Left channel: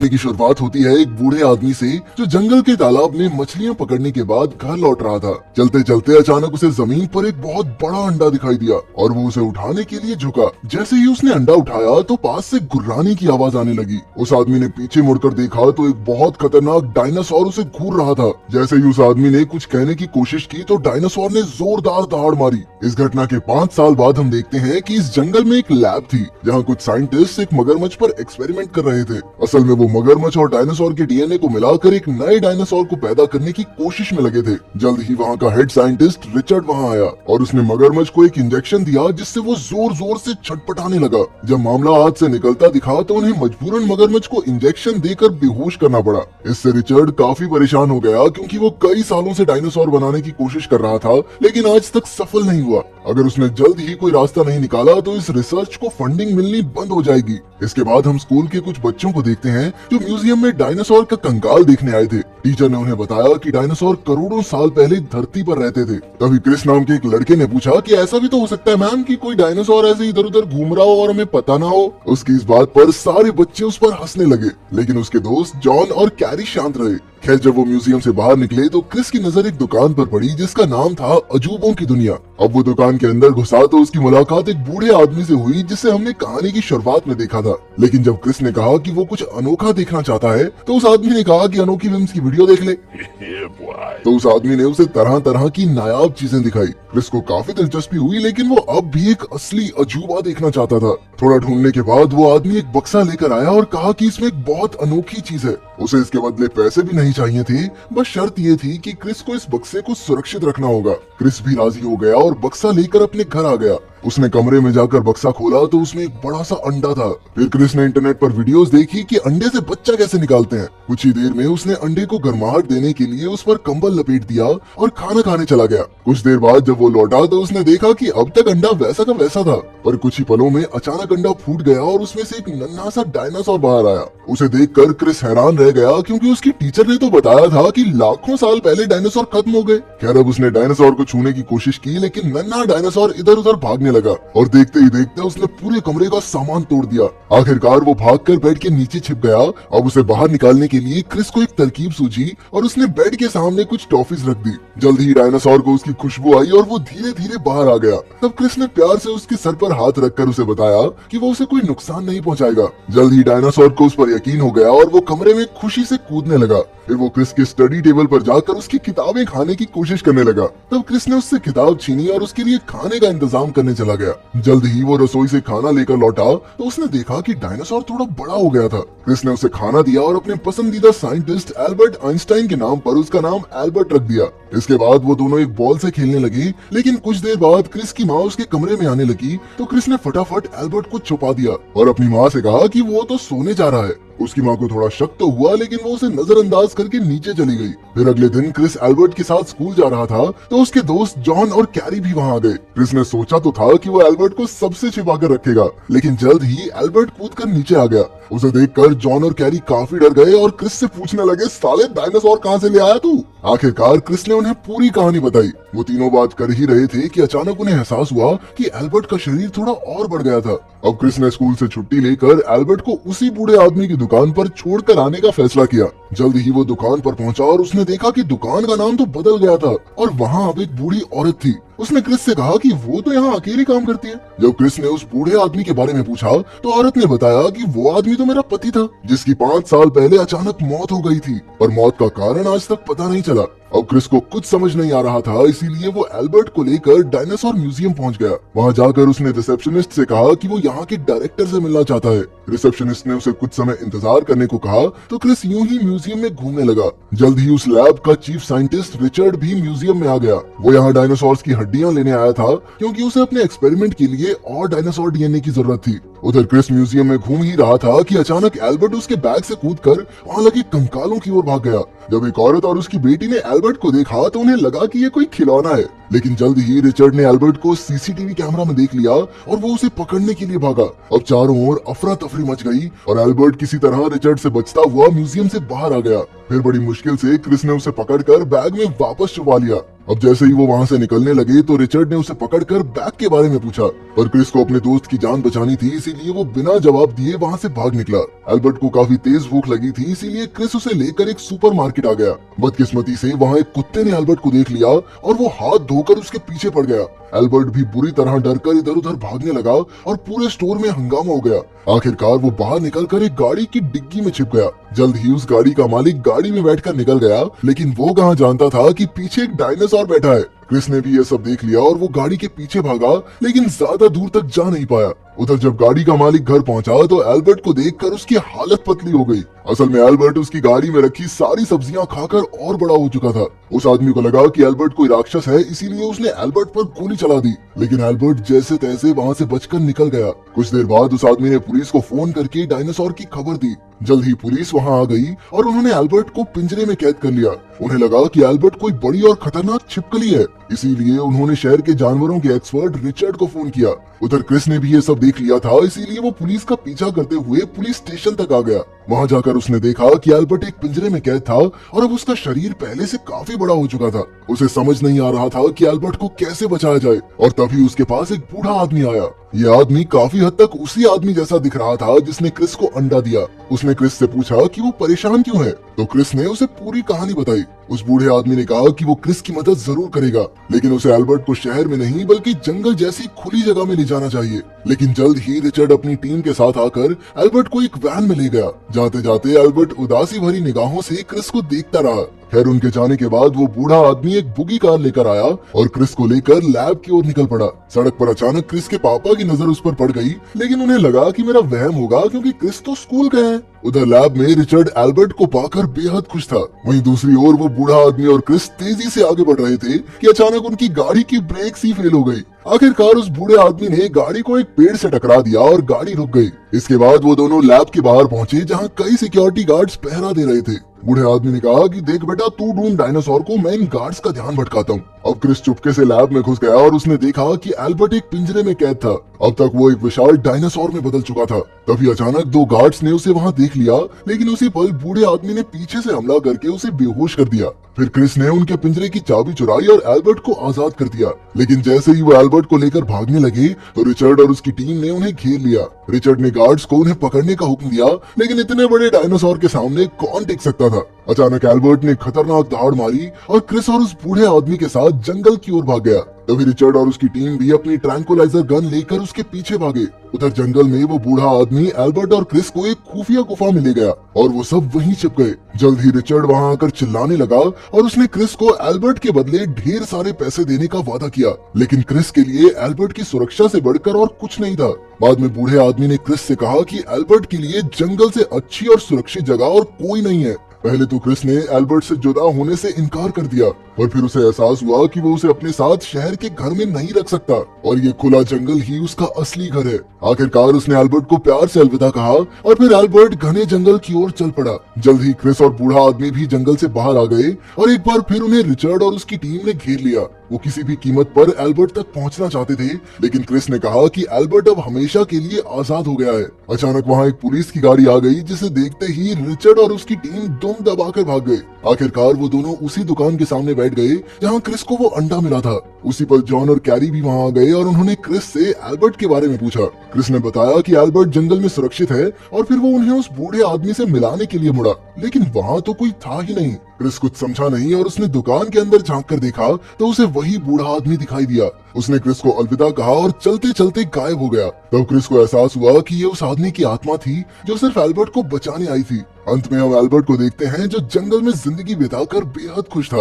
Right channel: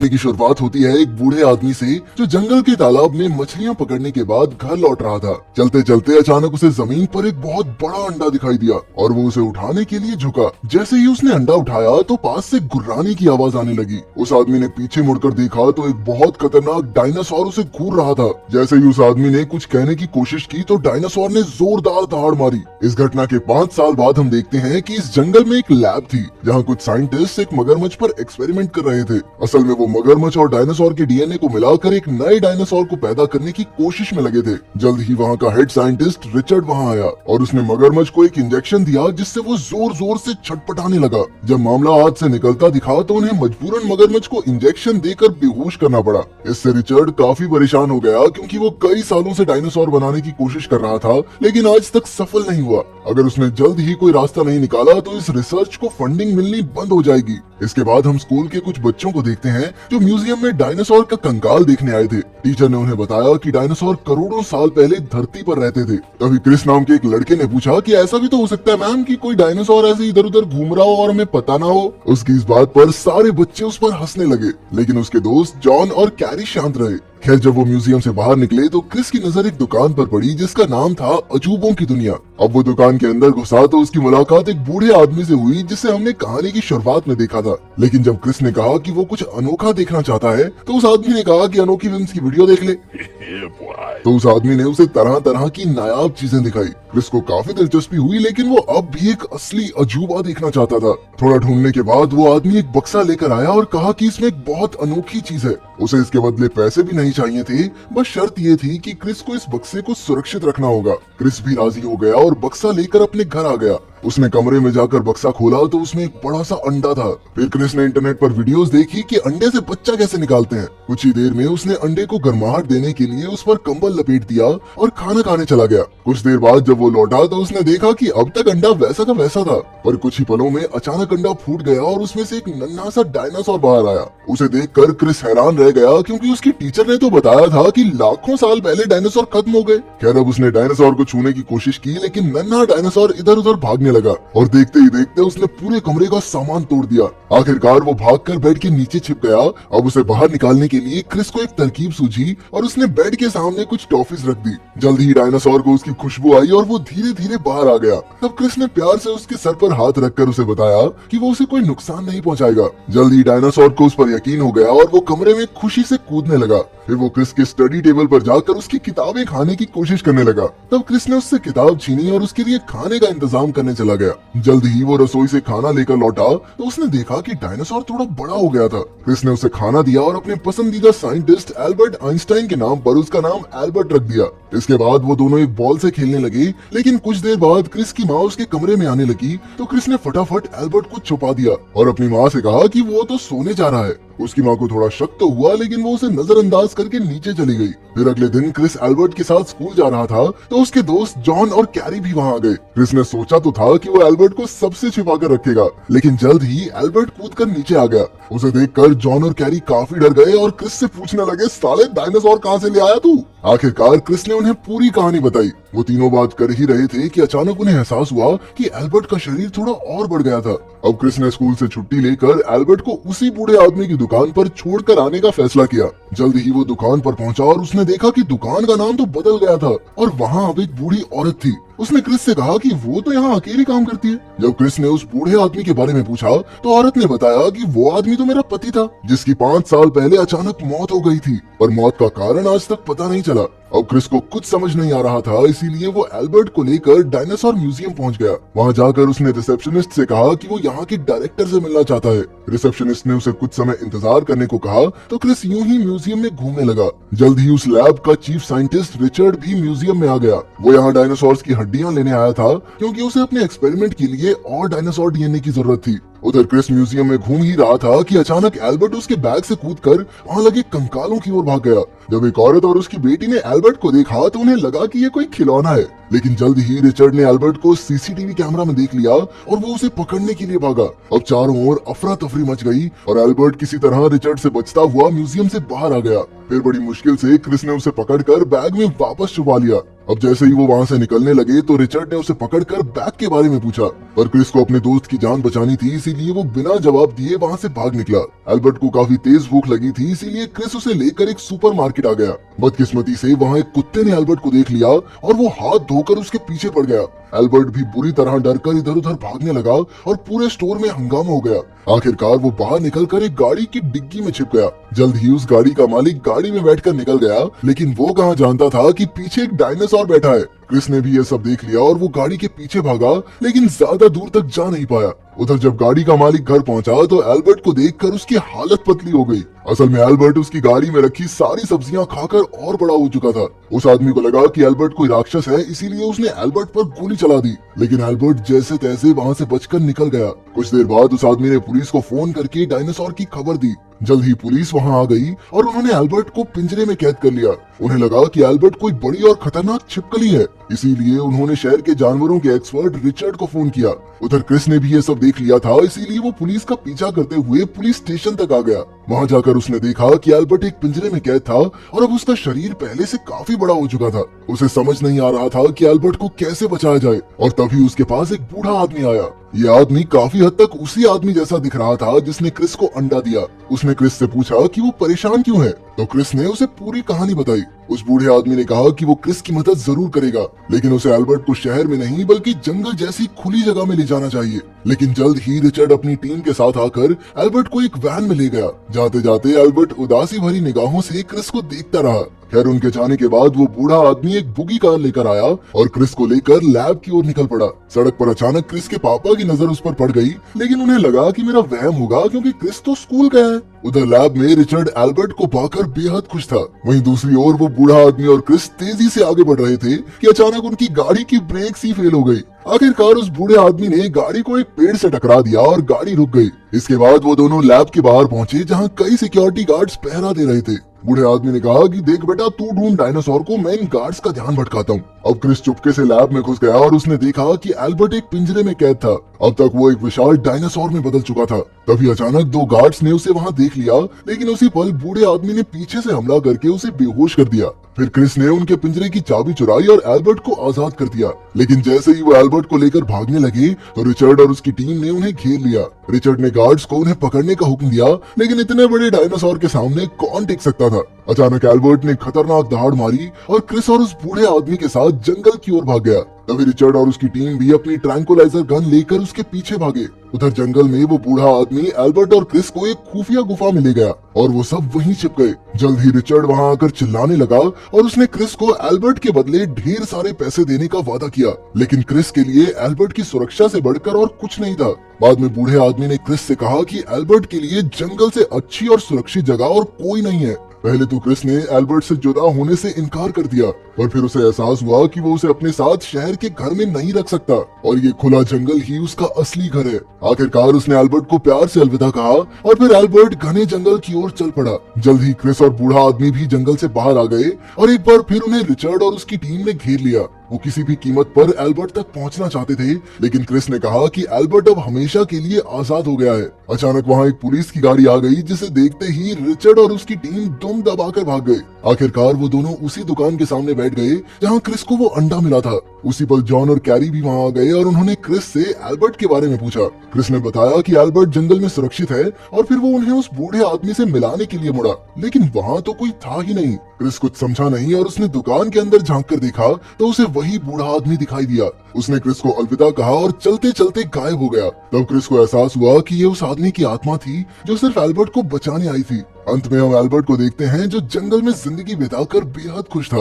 की शुरुआत होती है एक बूढ़े आदमी से जो जंगल के तालाब में मछलियां पकड़ने के बाद घर लौट रहा था। चलते चलते अचानक उसे जमीन पर एक बहुत बड़ा अंडा दिखाई दिया और वो उसे उठाने के लिए झुका। जैसे ही उसने अंडा उठाया तो पास से गुर्राने की आवाज आने लगी। उस आदमी ने पीछे मुड़कर देखा तो एक बहुत खतरनाक डायनासोर उसे घूर रहा था। जैसे ही उस आदमी ने कुछ कहने की कोशिश की तो डायनासोर ने जोरदार दहाड़ मारी। इस घटना के 5 साल बाद हम देखते हैं कि इस जंगल में एक लैब थी जहाँ कुछ साइंटिस्ट एक मगरमच्छ पर एक्सपेरिमेंट कर रहे थे। असल में वो मगरमच्छ और डायनासोर के डीएनए को मिलाकर एक नए डायनासोर को पैदा करने की कोशिश में लगे थे। जल्द ही वहाँ का हेड साइंटिस्ट रिचर्ड वहाँ आया और उसने मगरमच्छ को एक इंजेक्शन दिया जिससे वो जोर जोर से छटपटाने लगा। जब मामला हाथ से निकलता दिखा तो उन्हें मजबूरन मगरमच्छ को इंजेक्शन देकर बेहोश करना पड़ा। इससे रिचर्ड काफी परेशान हो गया क्योंकि वो कई सालों से डायनासोर बनाने की कोशिश कर रहा था लेकिन आज तक सफल नहीं हुआ। अगर उसने जल्द ही कोई रास्ता नहीं निकाला तो इस रिसर्च को फंडिंग मिलनी बंद हो जाएगी। इसके बाद हम स्कूल के कुछ बच्चों को देखते हैं जो म्यूजियम में डायनासोर का कंकाल देखने आए थे। टीचर ने उन्हें बताया कि डायनासोर करोड़ों साल पहले धरती पर रहते थे। तभी क्रिस नाम के एक लड़के ने पूछा कि ऐसा भी तो हो सकता है मैम कि कोई डायनासोर ऐसे इधर उधर घूम रहा हो और हमें पता ना हो। उसकी इस बात पर सारे बच्चे उस पर हंसने लगे लेकिन उसके दोस्त जॉन और कैरी शांत रहे। खैर जब वो म्यूजियम से बाहर निकले तो क्रिस की नजर एक दुकान पर पड़ी जिसका नाम था अजूबों की दुनिया। अब वो दुकान के अंदर घुसा तो उसकी मुलाकात एक बूढ़े आदमी से हुई जिसे हमने कहानी की शुरुआत में देखा था। लेकिन जब क्रिस ने कहा कि वो कुछ अनोखा देखना चाहता है तो उस आदमी ने कहा कि अनोखी फिल्म्स की वीडियो देख ले। तो उस आदमी ने उसे तरह तरह की नायाब चीजें दिखाई। क्रिस को काफी दिलचस्पी हुई लेकिन वो अब भी एक असली अजूबा देखना चाहता था। थोड़ा ढूंढने के बाद वो आदमी एक बक्सा लेकर आया और कहा कि इसमें एक बहुत अनोखी चीज है। उसे इसके बदले पैसे भी नहीं चाहिए थे, बस शर्त ये थी कि क्रिस को इस बक्से को सुरक्षित रखना होगा। क्रिस भी राजी हो गया और बक्सा लेकर अपने घर आ गया। उसने कमरे में जाकर बक्सा खोला तो उसमें एक बड़ा सा अंडा था। फिर क्रिस ने इंटरनेट पर वीडियोस देखी कि अंडे से बच्चा कैसे निकालते हैं। कुछ ही देर में उसने अंडे को गर्माहट देने के लिए उस पर कंबल लपेट दिया और खाना खाने चला गया। कुछ देर बाद जब वो लौटा तो उसने देखा कि अब तक अंडा वैसा का वैसा था, पर कुछ ही पलों में अचानक अंडा फूट गया और उसमें से एक नन्हा सा डायनासोर बाहर आया। उसे देखकर क्रिस हैरान रह गया क्योंकि उसकी टीचर ने तो बताया था कि लाखों साल पहले डायनासोर खत्म हो गए। खैर अब उसने डायनासोर को छूने की कोशिश की लेकिन नन्हा डायनासोर इधर उधर भागने लगा और देखते ही देखते उसने पूरे कमरे का सामान तोड़ दिया। आखिरकार वो भागकर बेड के नीचे छिप गया। अब उसे बाहर निकालने के लिए क्रिस को एक तरकीब सूझी और उसने बेड के सामने कुछ टॉफीज रख दी। जल्द ही डायनासोर को उसकी खुशबू आई और वो धीरे धीरे बाहर आ गया। तब क्रिस ने प्यार से उसके सर पर हाथ रखकर उसे बताया कि वो उसे कोई नुकसान नहीं पहुंचाएगा। जल्द ही डायनासोर को उस पर यकीन हो गया और वो कमरे में खुशी से कूदने लगा। फिर वो क्रिस के स्टडी टेबल पर जाकर उसकी किताबें खाने की कोशिश करने लगा। तब क्रिस ने उससे किताब छीनी और उसके लिए खाने का इंतजाम करने चला गया। जल्द ही वो रसोई से खाना लेकर लौटा तो उसने देखा कि डायनासोर थोड़ा बड़ा हो गया था। क्रिस ने उसे खाना दिया और अपने पसंदीदा साइंटिस्ट एल्बर्ट आइंस्टाइन के नाम पर उसका नाम एल्बर्ट रख दिया। इसके बाद वो दोनों एक बॉल से खेलने लगे लेकिन कुछ देर बाद क्रिस की माँ उसके कमरे में आने लगी तो क्रिस ने फटाफट एल्बर्ट को छुपा दिया और अपनी माँ से कहा कि वो तो सोने जा रहा है। उसकी माँ को थोड़ा शक तो हुआ लेकिन वो उसे नजरअंदाज करके नीचे चली गई। फिर अगले दिन क्रिस एल्बर्ट के साथ स्कूल जा रहा था तो उसके दोस्त जॉन और कैरी भी वहाँ आ गए। क्रिस ने सोचा तो था कि वो एल्बर्ट को सबसे छिपा कर रखेगा लेकिन जल्द ही एल्बर्ट कूदकर नीचे आ गया। उसे देखकर जॉन और कैरी काफी डर गए और क्रिस से पूछने लगे, साले डायनासोर कहाँ से ले आया तू? आखिरकार क्रिस ने उन्हें पूरी कहानी बताई। वो तीनों बात कर ही रहे थे कि अचानक उन्हें एहसास हुआ कि एल्बर्ट का शरीर थोड़ा और बढ़ गया था। अब क्रिस ने स्कूल से छुट्टी लेकर एल्बर्ट को उसी बूढ़े आदमी की दुकान पर छोड़कर आने का फैसला किया। जल्द ही वो दुकान पर पहुंचा और उसने देखा कि दुकान का नाम तो बदल गया था और वहाँ अब एक बूढ़ी औरत थी। उसने क्रिस से कहा कि वो तो यहाँ अकेली काम करती है। जब क्रिस ने उस बूढ़े आदमी के बारे में पूछा तो औरत ने बताया कि वो आदमी तो मेरा पति था जिसकी 5 साल पहले अचानक मौत हो गई थी, पर मौत का कारण आज तक पता नहीं चला। अब क्रिस को कुछ समझ नहीं आ रहा था, इसीलिए वो एल्बर्ट को लेकर डायनासोर म्यूजियम पहुंच गया। वहां जाकर उसने रिसेप्शनिस्ट से कहा कि वो यहाँ के डायरेक्टर से मिलना चाहता है। रिसेप्शनिस्ट ने उसे कुछ समय इंतजार करने को कहा तो क्रिस यूं ही म्यूजियम में घूमने लगा। जल्द ही उस लैब का चीफ साइंटिस्ट रिचर्ड भी म्यूजियम में आ गया। वो यहाँ डायनासोर की हड्डियां लेने आया था क्योंकि उसे अपने एक्सपेरिमेंट के लिए और डायनासोर डीएनए की जरूरत थी। उधर क्रिस म्यूजियम में घूम ही रहा था कि अचानक एल्बर्ट उसके बैग से कूदकर वहां लगे कंकालों की ओर भाग गया। जब एक औरत और उसकी बेटी ने एल्बर्ट को देखा तो उन्हें लगा कि ये कोई खिलौना है, लेकिन जल्द ही रिचर्ड ने एल्बर्ट को सीसीटीवी कैमरा में देख लिया और वो उसे पकड़ने के लिए भागा। अब चारों ओर अफरा तफरी मच गई और एल्बर्ट किसी तरह रिचर्ड से बचता हुआ म्यूजियम से बाहर आ गया। फिर बड़ी मुश्किल से क्रिस ने उसे पकड़कर बैग में वापस छुपा लिया। अब जैसे ही वो वहाँ से निकलने लगे तो रिचर्ड ने उसे पकड़कर बैग के बारे में पूछा, पर क्रिस को अपने दोस्त की जान बचानी थी, इसीलिए वो बिना जवाब दिए वहाँ से भाग निकला। एल्बर्ट को काफी तेज भूख लगी थी, इसीलिए क्रिस उसे लेकर एक सुपरमार्केट आ गया। बदकिस्मती से वहाँ एक कुत्ते ने एल्बर्ट को देख लिया और वो हाथ धोकर उसके पीछे पड़ गया। एल्बर्ट भी बुरी तरह डरकर इधर उधर भागने लगा और पूरे स्टोर में हंगामा हो गया। आखिरकार वो बाहर निकलकर एक गाड़ी की डिग्गी में छिप गया। जल्द ही उस गाड़ी का मालिक गाड़ी में बैठकर निकल गया, लेकिन वो कहाँ जानता था कि पीछे एक डायनासोर बैठा है। क्रिस ने भी ये सब देख लिया और वो गाड़ी के पीछे भागा, लेकिन ज्यादा दूर तक जा नहीं पाया। उधर जब गाड़ी का मालिक घर पहुंचा तो एल्बर्ट को देखकर उसकी हालत पतली हो गई। असल में एल्बर्ट उसकी गाड़ी में रखी सारी सब्जियां खाकर और बड़ा हो चुका था। उस आदमी को लगा कि एल्बर्ट कोई राक्षस है, इसीलिए उसने एल्बर्ट पर गोली चला दी, लेकिन एल्बर्ट जैसे तैसे वहां से बचकर निकल गया। कुछ देर बाद उस आदमी ने पुलिस को फोन करके डायनासोर की खबर दी। जल्द ही पुलिस वहां आ गई और उन्होंने एल्बर्ट को पिंजरे में कैद कर लिया। उन्हें लगा कि एल्बर्ट कोई बड़ी और खतरनाक छिपकली है, इसीलिए उन्होंने शहर के जानवरों के एक्सपर्ट रिचर्ड को फोन किया। उधर क्रिस ने भी ये सब देख लिया था, इसीलिए वो पुलिस का पीछा करते हुए पुलिस स्टेशन तक आ गया। वहां जाकर उसने देखा कि एल्बर्ट एक पिंजरे में कैद था और अब उसका शरीर पहले से काफी बड़ा हो चुका था। उसे समझ नहीं आ रहा था कि एल्बर्ट को कैसे बचाया जाए, और तभी उसके पास एक बूढ़ा आदमी आया। ये आदमी काफी हद तक उसी आदमी जैसा दिख रहा था जिसने क्रिस को अंडा दिया। उसने क्रिस से पूछा कि वो परेशान क्यों है, तो क्रिस ने उसे पूरी कहानी बताई। उस बूढ़े आदमी ने कहा कि वो क्रिस की मदद जरूर करेगा, लेकिन उसे एल्बर्ट को शहर में नहीं बल्कि जंगल जैसी खुली जगह में ले जाना चाहिए। लेकिन जल्द ही रिचर्ड अपनी टीम के साथ आकर एल्बर्ट को एक वैन में ले गया। जाते जाते एल्बर्ट उदासी भरी निगाहों से क्रिस को देखता रहा। खैर उनके जाने के बाद वो बूढ़ा आदमी एक बुगी कार लेकर आया और क्रिस को लेकर लैब की ओर निकल पड़ा। सड़क पर अचानक क्रिस के पापा की नजर उस पर पड़ गई, लेकिन उन्हें लगा कि मेरा वहम होगा क्योंकि क्रिस तो स्कूल गए हैं। उधर लैब में रिचर्ड एल्बर्ट को पाकर बेहद खुश था। वहीं दूसरी ओर वो बूढ़ा आदमी और क्रिस तेजी से आगे बढ़ रहे थे कि अचानक उनकी गाड़ी की ब्रेक ही फेल हो गई। आखिरकार उस बूढ़े आदमी ने गाड़ी को एक पेड़ से टकरा दिया और गाड़ी रुक गई। इसके बाद वो दोनों लैब के बाहर पहुंचे, जहां कई सिक्योरिटी गार्ड्स पहरा दे रहे थे। बूढ़े आदमी ने कहा कि देख बेटा, तू ढूंढ डायनासोर को, मैं इन गार्ड्स का ध्यान भटकाता हूँ। अब क्रिस चुपके से लैब में घुस गया और उसने देखा कि एल्बर्ट एक पिंजरे में कैद था। अब तक वो एक विशाल डायनासोर में बदल चुका था। तभी अचानक दो गार्ड्स ने उसे वहां देख लिया, लेकिन उसी पल बूढ़े आदमी ने पीछे से हमला करके उसे बेहोश कर दिया। फिर क्रिस ने उनके पिंजरे की चाबी चुराई और एल्बर्ट को आजाद कर दिया। लेकिन जैसे ही वो एल्बर्ट को लेकर भागने लगे तो रिचर्ड और उसकी टीम ने उन्हें घेर लिया। रिचर्ड ने गार्ड्स को उन्हें पकड़ने का हुक्म दिया, लेकिन इतने बड़े डायनासोर के सामने कौन टिक सकता था। अचानक एल्बर्ट ने खतरनाक दहाड़ मारी और क्रिस और उस बूढ़े आदमी के साथ जंगल की ओर भाग गया। तभी रिचर्ड और उसकी टीम भी अपनी ट्रैंकुलाइजर गन लेकर उसके पीछे भागे। उधर जंगल में वो बूढ़ा आदमी एल्बर्ट और क्रिस को एक खुफिया गुफा में ले गया और वो सब वहीं छिप गए। जल्द ही रिचर्ड वहां आकर चिल्लाने लगा और उसने क्रिस को एल्बर्ट के बदले ढेर सारे पैसे देने का वादा किया, लेकिन क्रिस के लिए एल्बर्ट की सुरक्षा से बढ़कर और कुछ नहीं था। बाद में बूढ़े आदमी ने क्रिस से कहा कि एल्बर्ट के लिए जंगल से अच्छी और सुरक्षित जगह और कोई नहीं है। पहले तो क्रिस ने एल्बर्ट से जुदा होने से इनकार कर दिया, पर फिर उसे एहसास हुआ कि वो उसे अपने साथ शहर के घर में नहीं रख सकता और ये खुला जंगल ही उसका असली घर है। आखिरकार उसने एल्बर्ट को प्यार से अलविदा कहा और फिर एल्बर्ट घने जंगल की ओर चल पड़ा। जल्द ही क्रिस और बूढ़ा आदमी भी जंगल से बाहर आ गए और एक बार फिर उन्हें रिचर्ड और उसकी टीम ने घेर लिया। वो किसी भी कीमत पर एल्बर्ट तक पहुंचना चाहते थे, लेकिन क्रिस ने कहा कि एल्बर्ट अब हमेशा के लिए आजाद हो गया है। अचानक वहां एक पुलिस की गाड़ी आ गई, जिसे देखते ही रिचर्ड और उसकी टीम दुम दबाकर भाग गए। आखिरकार वो दोनों उसी दुकान के सामने बैठ गए जहां क्रिस को वो अंडा मिला था। उसी पल जॉन और कैरी भी वहां आ गए और उन्होंने क्रिस से एल्बर्ट के बारे में पूछा। क्रिस ने बताया कि एल्बर्ट जंगल में सुरक्षित है और फिर वो उन्हें उस बूढ़े आदमी से मिलाने के लिए मुड़ा, लेकिन वहां तो कोई था ही नहीं। क्रिस कुछ समझा नहीं और उसने दुकान के अंदर झांक कर देखा तो उसे वही बूढ़ा आदमी दिखाई दिया। उसने क्रिस को अलविदा कहा और चलते चलते गायब हो गया। तब क्रिस को एहसास हुआ कि ये उस आदमी की आत्मा थी जो सिर्फ एल्बर्ट को बचाने आई थी। अंत में हम एल्बर्ट को देखते हैं जो जंगल में जिंदगी बिताकर बेहद खुश था।